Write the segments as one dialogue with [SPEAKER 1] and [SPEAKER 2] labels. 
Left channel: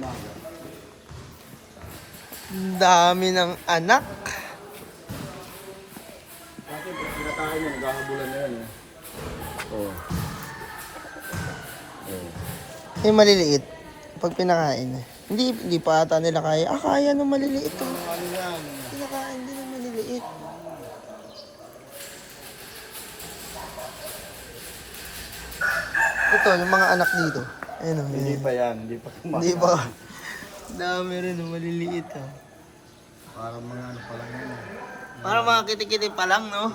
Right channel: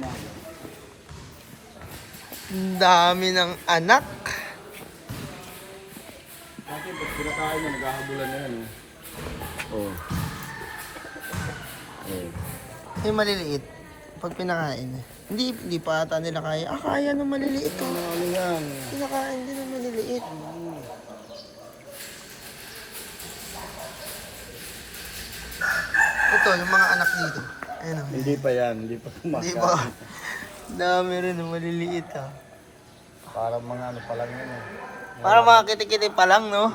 [SPEAKER 1] Ang dami ng anak.
[SPEAKER 2] Dati pag pinakain mo, naghahabulan na yan. Oh.
[SPEAKER 1] Yung maliliit, pag pinakain. Hindi pa ata nila kaya. Kaya ng maliliit.
[SPEAKER 2] Ano yan?
[SPEAKER 1] Pinakain din ng maliliit. Ito, yung mga anak dito. Ayun,
[SPEAKER 2] Hindi pa yan, hindi pa kumakain.
[SPEAKER 1] Hindi ba? Dami rin ng maliliit ha.
[SPEAKER 2] Parang mga ano pa lang yun.
[SPEAKER 1] Para mga kitikiti pa lang, no?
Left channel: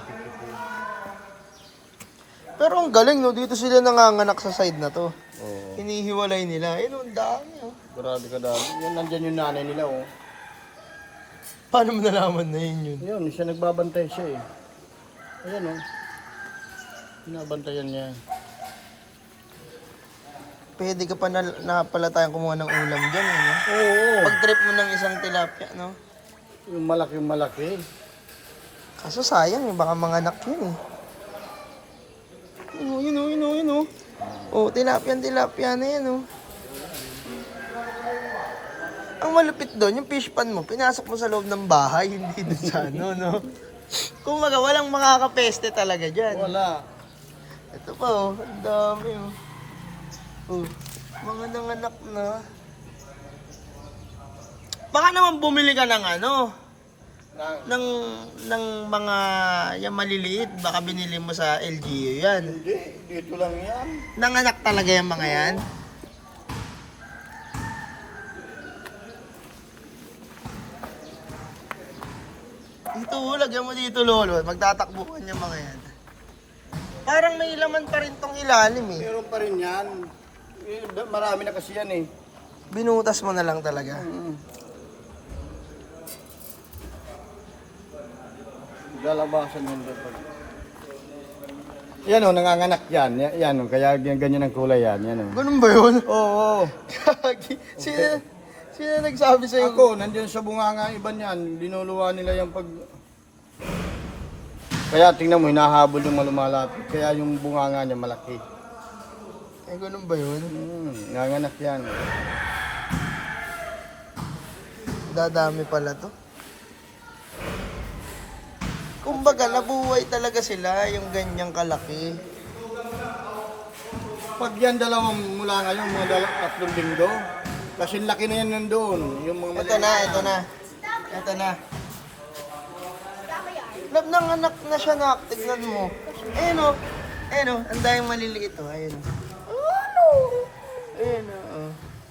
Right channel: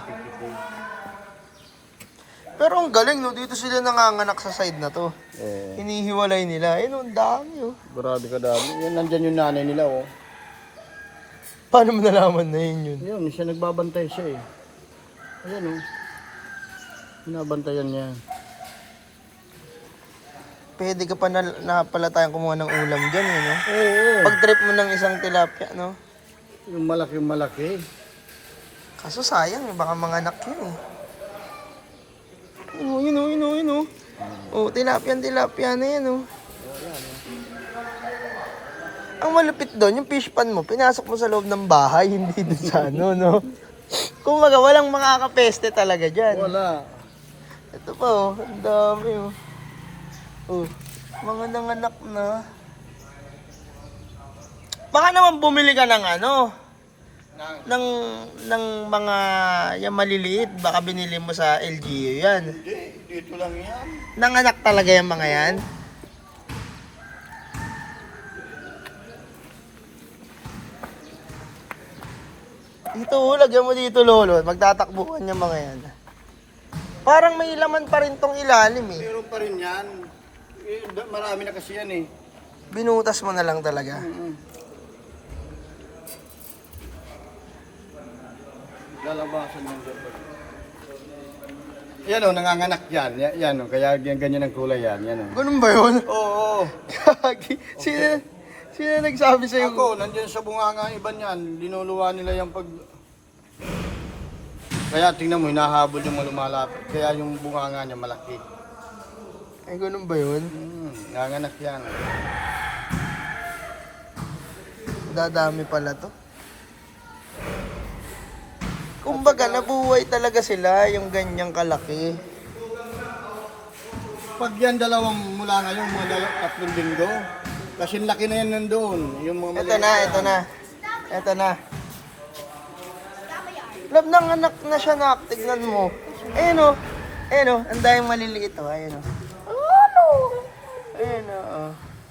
[SPEAKER 1] Pero ang galing, no? Dito sila nanganganak sa side na to. Hinihiwalay nila. Ayun, ang dami, oh.
[SPEAKER 2] Grabe ka dami. Yan, nandyan yung nanay nila, oh.
[SPEAKER 1] Paano mo nalaman na yun?
[SPEAKER 2] Yun, siya nagbabantay siya, eh. Ayan, oh. Binabantayan niya.
[SPEAKER 1] Pwede ka pa na pala tayong kumuha ng ulam dyan, eh, no?
[SPEAKER 2] Oo.
[SPEAKER 1] Pag trip mo ng isang tilapia, no?
[SPEAKER 2] Yung malaki.
[SPEAKER 1] Kaso sayang, baka manganak yun, eh. Yun, oh. Oh, tilapia na yan, oh. Ang malupit doon, yung fish pan mo, pinasok mo sa loob ng bahay, hindi doon sa ano, no? Kumbaga, walang makakapeste talaga dyan.
[SPEAKER 2] Wala.
[SPEAKER 1] Ito pa, oh. Ang dami, oh. Oh, mga nanganak na. Baka naman bumili ka ng ano, ng mga yung maliliit, baka binili mo sa LGU yan.
[SPEAKER 2] Hindi, dito lang yan.
[SPEAKER 1] Nanganak talaga yung mga yan. Dito, lagyan mo dito, lolo. Magtatakbuhan yung mga yan. Parang may laman pa rin tong ilalim, eh.
[SPEAKER 2] Meron pa rin yan. Marami na kasi yan, eh.
[SPEAKER 1] Binutas mo na lang talaga.
[SPEAKER 2] Lalabasan mo dito. Yan, oh, nanganganak yan. Yan, oh, kaya ganyan ang kulay yan. Yan, oh.
[SPEAKER 1] Ganun ba yun?
[SPEAKER 2] Oo.
[SPEAKER 1] Kagi. Sino nagsabi sa'yo?
[SPEAKER 2] Ako, nandiyan sa bunganga iba niyan. Linuluwa nila yung pag... Kaya tingnan mo, hinahabol yung lumalapit. Kaya yung bunganga niya malaki.
[SPEAKER 1] Ay, ganun ba yun?
[SPEAKER 2] Nanganak yan.
[SPEAKER 1] Dadami pala to. Kumbaga, nabuhay talaga sila yung ganyang kalaki.
[SPEAKER 2] Pag yan dalawang mula ngayon, mga tatlong linggo. Kasi laki na yan nandoon. Yung mga
[SPEAKER 1] Ito na. Lab ng anak na siya, nak. Tignan mo. Ayun o. Ang daming maliliit o. Ayun o. Ayun o.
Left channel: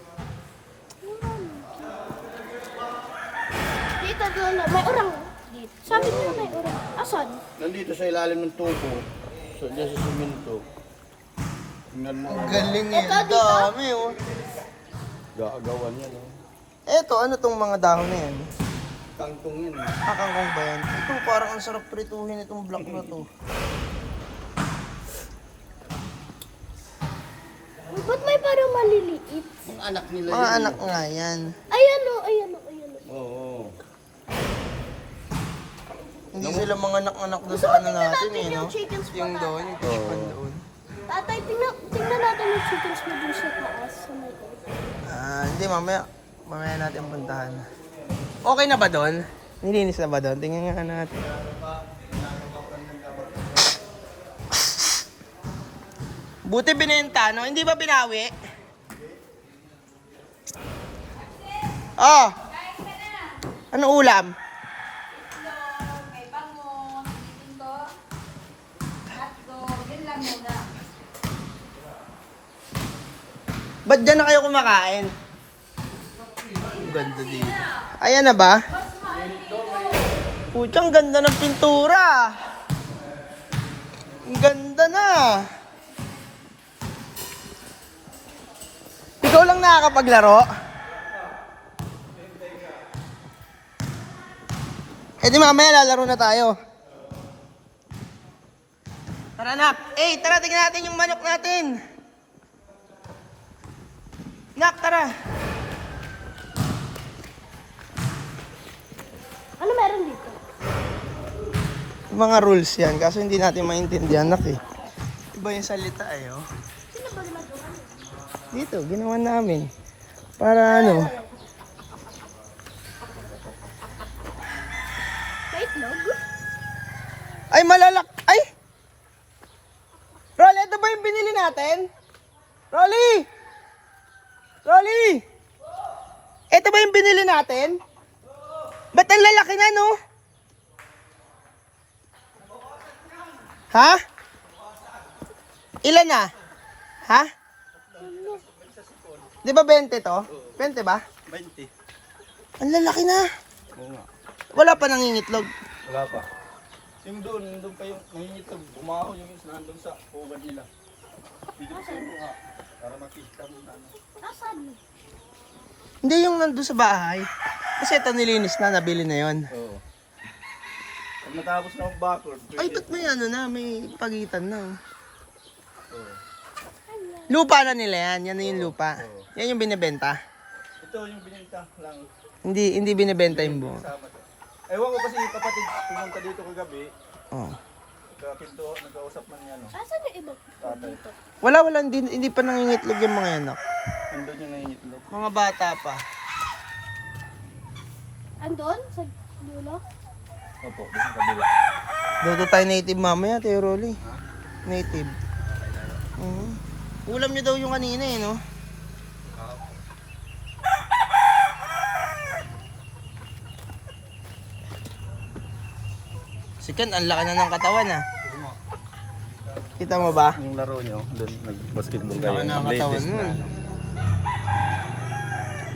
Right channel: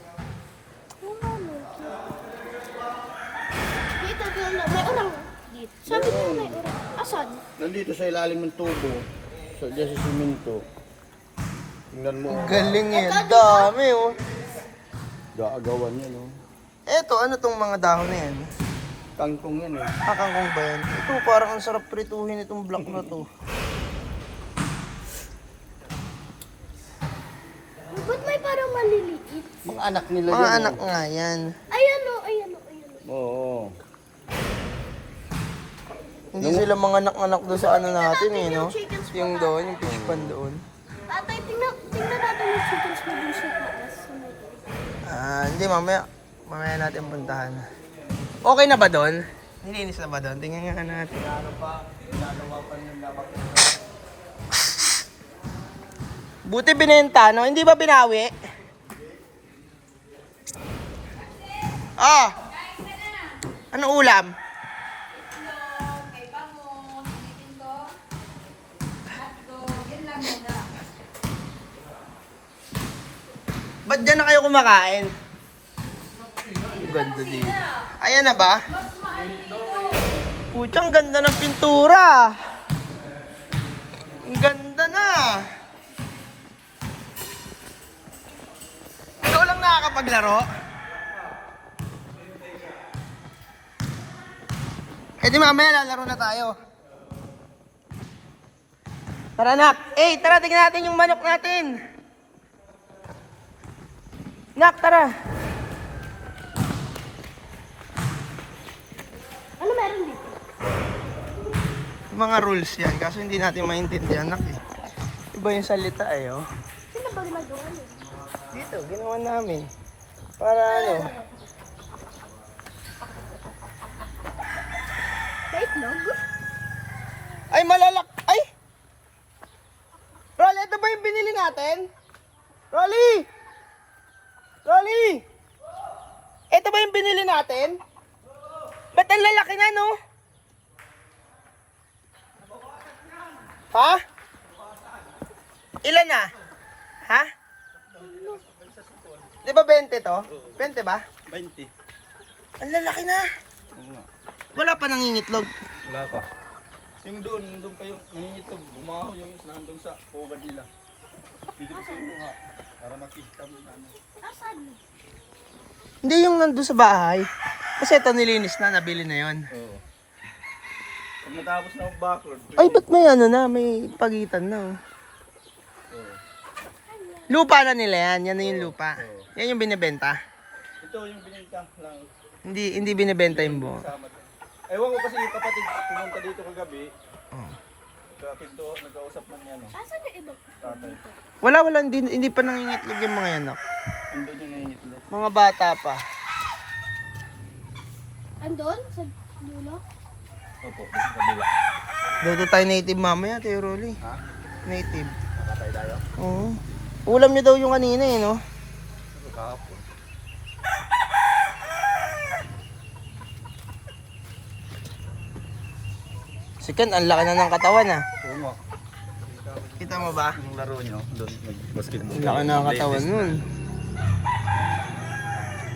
[SPEAKER 3] Dito, dulo. May urang. Dito. Sabi niya may urang. Asan?
[SPEAKER 2] Nandito sa ilalim ng tubo. Diyan sa simento. Tingnan mo.
[SPEAKER 1] Galing yan. Dami o.
[SPEAKER 2] Gaagawan yan. Oh.
[SPEAKER 1] Eto, ano tong mga dahon na yan?
[SPEAKER 2] Kangkong yan. Eh.
[SPEAKER 1] Kangkong ba yan? Ito, parang ang sarap prituhin itong block na to.
[SPEAKER 3] Ba't may parang maliliit?
[SPEAKER 2] Mga anak nila
[SPEAKER 1] Mga
[SPEAKER 2] yan.
[SPEAKER 1] anak nga yan.
[SPEAKER 3] Ayan o.
[SPEAKER 2] Oo.
[SPEAKER 1] Hindi sila mga anak-anak doon sa ano natin eh, no? Yung doon, yung fish pan doon.
[SPEAKER 3] Tatay, tingnan natin yung chickens mo dun sa taas. Sa may...
[SPEAKER 1] Hindi, mamaya natin puntahan. Okay na ba doon? Nilinis na ba doon? Tingnan nga natin. Buti binenta, no? Hindi ba binawi? Oh! Ano ulam? Ba't dyan na kayo kumakain? Ang ganda dito. Ayan na ba? Putsang ganda ng pintura. Ang ganda na. Ikaw lang nakakapaglaro? Eh di mamaya lalaro na tayo. Tara nak. Tara tingnan natin yung manok natin. Nak, tara.
[SPEAKER 3] Ano meron dito?
[SPEAKER 1] Mga rules yan, kaso hindi natin maintindihan, nak eh. Iba yung salita eh, oh.
[SPEAKER 3] Sino ba ginagawa mo?
[SPEAKER 1] Dito, ginawa namin. Para ano?
[SPEAKER 3] May itlog?
[SPEAKER 1] Ay, malalak... Ay! Rolly, ito ba yung binili natin? Rolly! Rolly! Ito ba yung binili natin? Ba't ang lalaki na, no? Ha? Ilan na? Ha? Di ba 20 to? 20 ba?
[SPEAKER 2] 20.
[SPEAKER 1] Ang lalaki na.
[SPEAKER 2] Oo nga.
[SPEAKER 1] Wala pa nangingitlog.
[SPEAKER 2] Wala pa. Yung doon kayo, nangingitlog, umahon yung isa doon sa Puga nila. Pwede ko sa iyo nga, para makita mo na.
[SPEAKER 3] Asan?
[SPEAKER 1] Hindi yung nandun sa bahay. Kasi ito nilinis na, nabili na yon.
[SPEAKER 2] Oo. Pag natapos na ang backward,
[SPEAKER 1] Ay, ba't may ano na, may pagitan na. Oh. Lupa na nila yan, yan na yung lupa. Yan yung binibenta.
[SPEAKER 2] ito yung binita lang.
[SPEAKER 1] Hindi binibenta yung buo.
[SPEAKER 2] Ewan ko kasi yung kapatid pumunta dito kagabi.
[SPEAKER 1] Oh.
[SPEAKER 2] Nagkakinto at nagkausap ng yan.
[SPEAKER 3] Asan yung iba? Dito.
[SPEAKER 1] Wala, hindi pa nangingitlog yung mga yanak.
[SPEAKER 2] Andun yung nangingitlog.
[SPEAKER 1] Mga bata pa.
[SPEAKER 3] Andon? Sa dulo?
[SPEAKER 2] Opo, dito sa kabila.
[SPEAKER 1] Dito tayo native mamaya, Teo Rolly.
[SPEAKER 2] Ha?
[SPEAKER 1] Native.
[SPEAKER 2] Nakatay tayo.
[SPEAKER 1] Oo. Ulam niyo daw yung kanina eh, no?
[SPEAKER 2] Kahapon.
[SPEAKER 1] Si Ken, ang laki na ng katawan ah.
[SPEAKER 2] Oo nga.
[SPEAKER 1] Kita mo ba?
[SPEAKER 2] Yung laro nyo, doon nag-basketball.
[SPEAKER 1] Ang laki na ng katawan nun.